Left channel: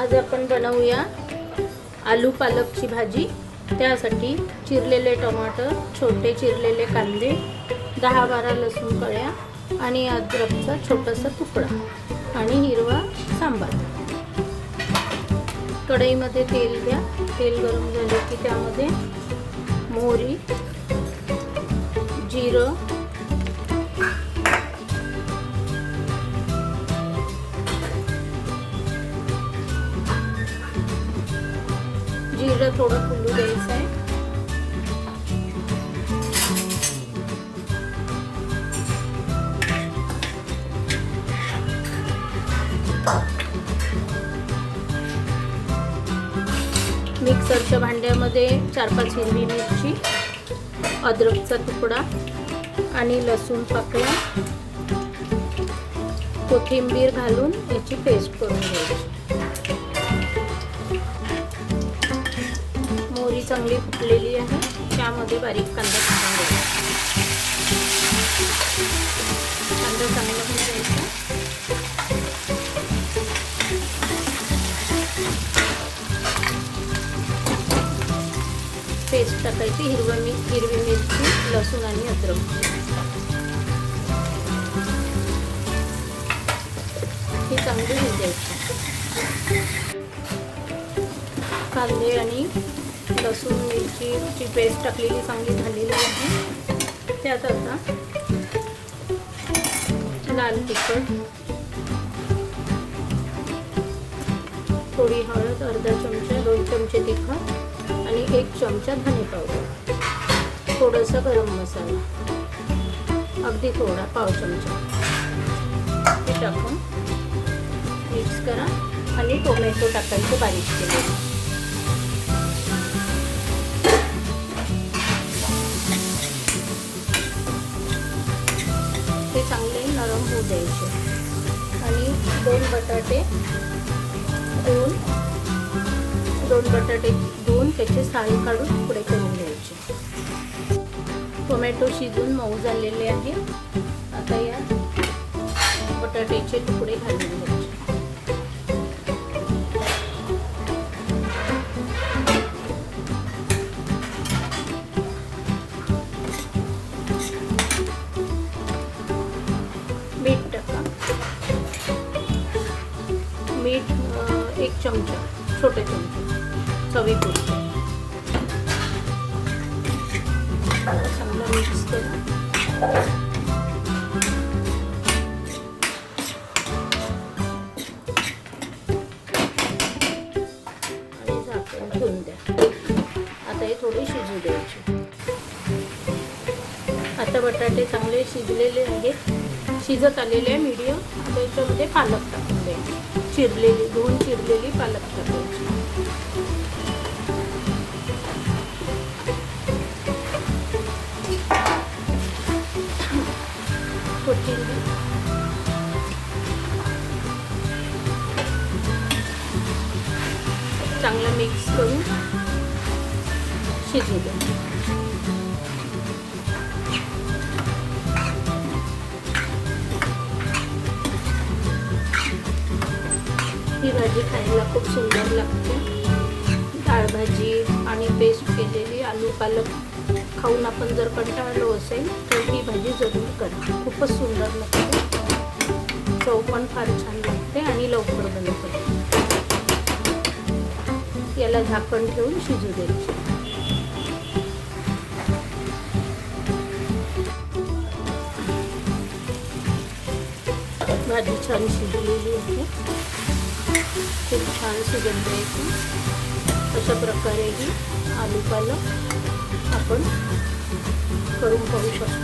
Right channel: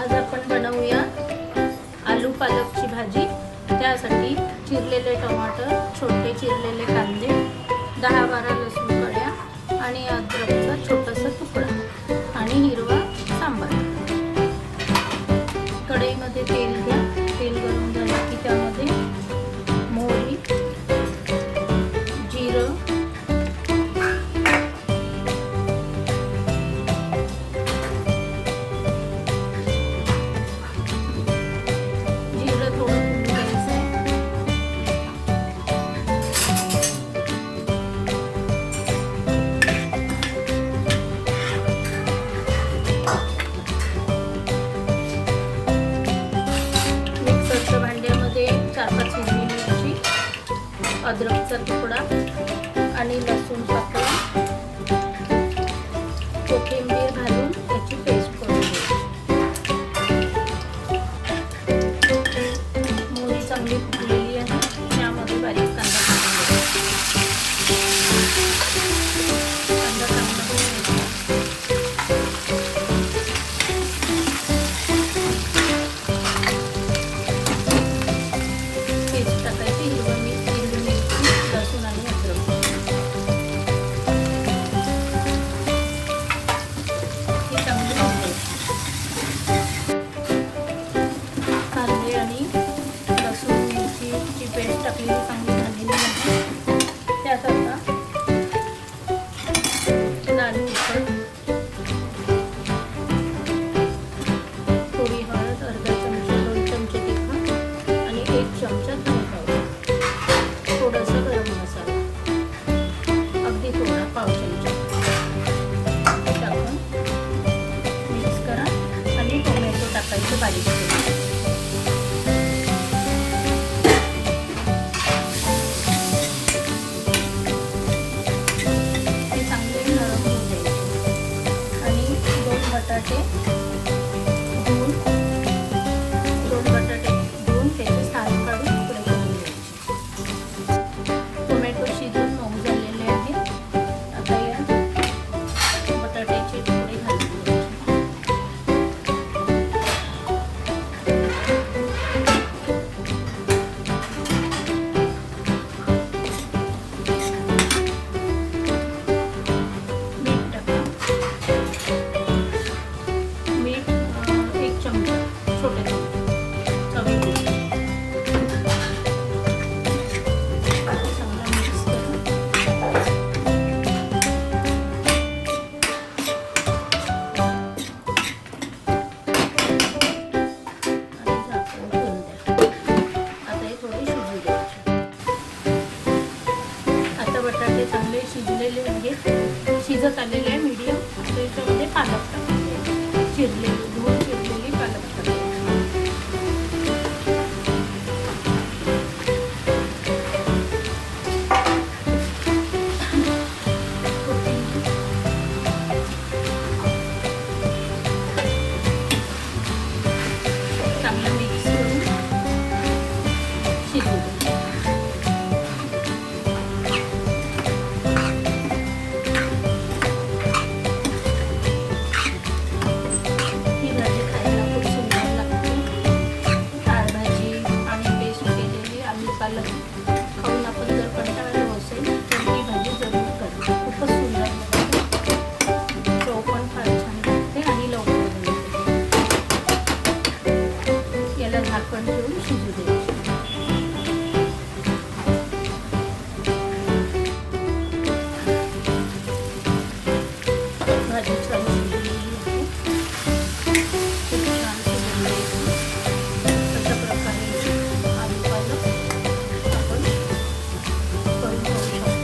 आज आपण बनवूया आलू पालकची भाजी। त्यासाठी चिरलेले टमाटर, छोटे चिरलेले कांदे, 10-12 लसूण कळ्या आणि अद्रकचा छोटासा तुकडा आणि हिरवा सांबार। कढईमध्ये तेल घ्या। तेल गरम झाले की त्यामध्ये मोहरी, जिरं, थोडं फुलू द्यायचं आहे। मिक्सरच्या भांड्यामध्ये 4-5 हिरवी मिरची, अद्रकचा तुकडा आणि लसूण पाकळ्या, कोथिंबीर घालून याची पेस्ट करून घ्यायची। चांगली फुटलेली आहे। त्यामध्ये बारीक कांदा घालून घ्यायचा। कांदा चांगला घालायचा। पेस्ट टाकायची, हिरवी मिरची, लसूण आणि अद्रक। ही चांगली होऊन द्यायची। कांदे आणि लसूण मिरचीची पेस्ट टाकलेली चांगली झालेली आहे। त्यात आता लाल तिखट, थोडी हळद, अर्धा चमचा, 2 चमचे तिखट आणि 1 चमचा धने पावडर, थोडासा गरम मसाला, अगदी थोडा, पाव चमचा हे टाकून मिक्स करा आणि टोमॅटो टाकायचं बारीक केलेलं। दोन बटाटे धुवून त्याचे साल काढून तुकडे करून घ्यायचे। टोमॅटो शिजून मऊ झालेले आहे। आता या बटाट्याचे तुकडे घालून घ्यायचे। मीठ 1 चमचा, छोटे चमचे, चवीपुरतं। चांगलं मिक्स करा। आणि झाकण ठेवून द्या। आता हे थोडे शिजू द्यायचे। आता बटाटे चांगले शिजलेले आहेत, शिजत आलेले आहे मीडियम। त्याच्यामध्ये पालक टाकून द्यायचे, धुवून चिरलेली पालक टाकायची। चांगला मिक्स करून शिजू द्या। ही भाजी खायला खूप सुंदर लागते। डाळ भाजी आणि पेस्ट केलेली आलू पालक खाऊन आपण जर कंटाळलो असेल तर ही भाजी जरूर करा। खूपच सुंदर लागते, चव पण फार छान लागते आणि लवकर बनते। याला झाकण ठेवून शिजू द्यायचे। भाजी छान शिजलेली आहे, खूप छान शिजवली आहे। अशा प्रकारे आलू पालक आपण करून खाऊ शकतो।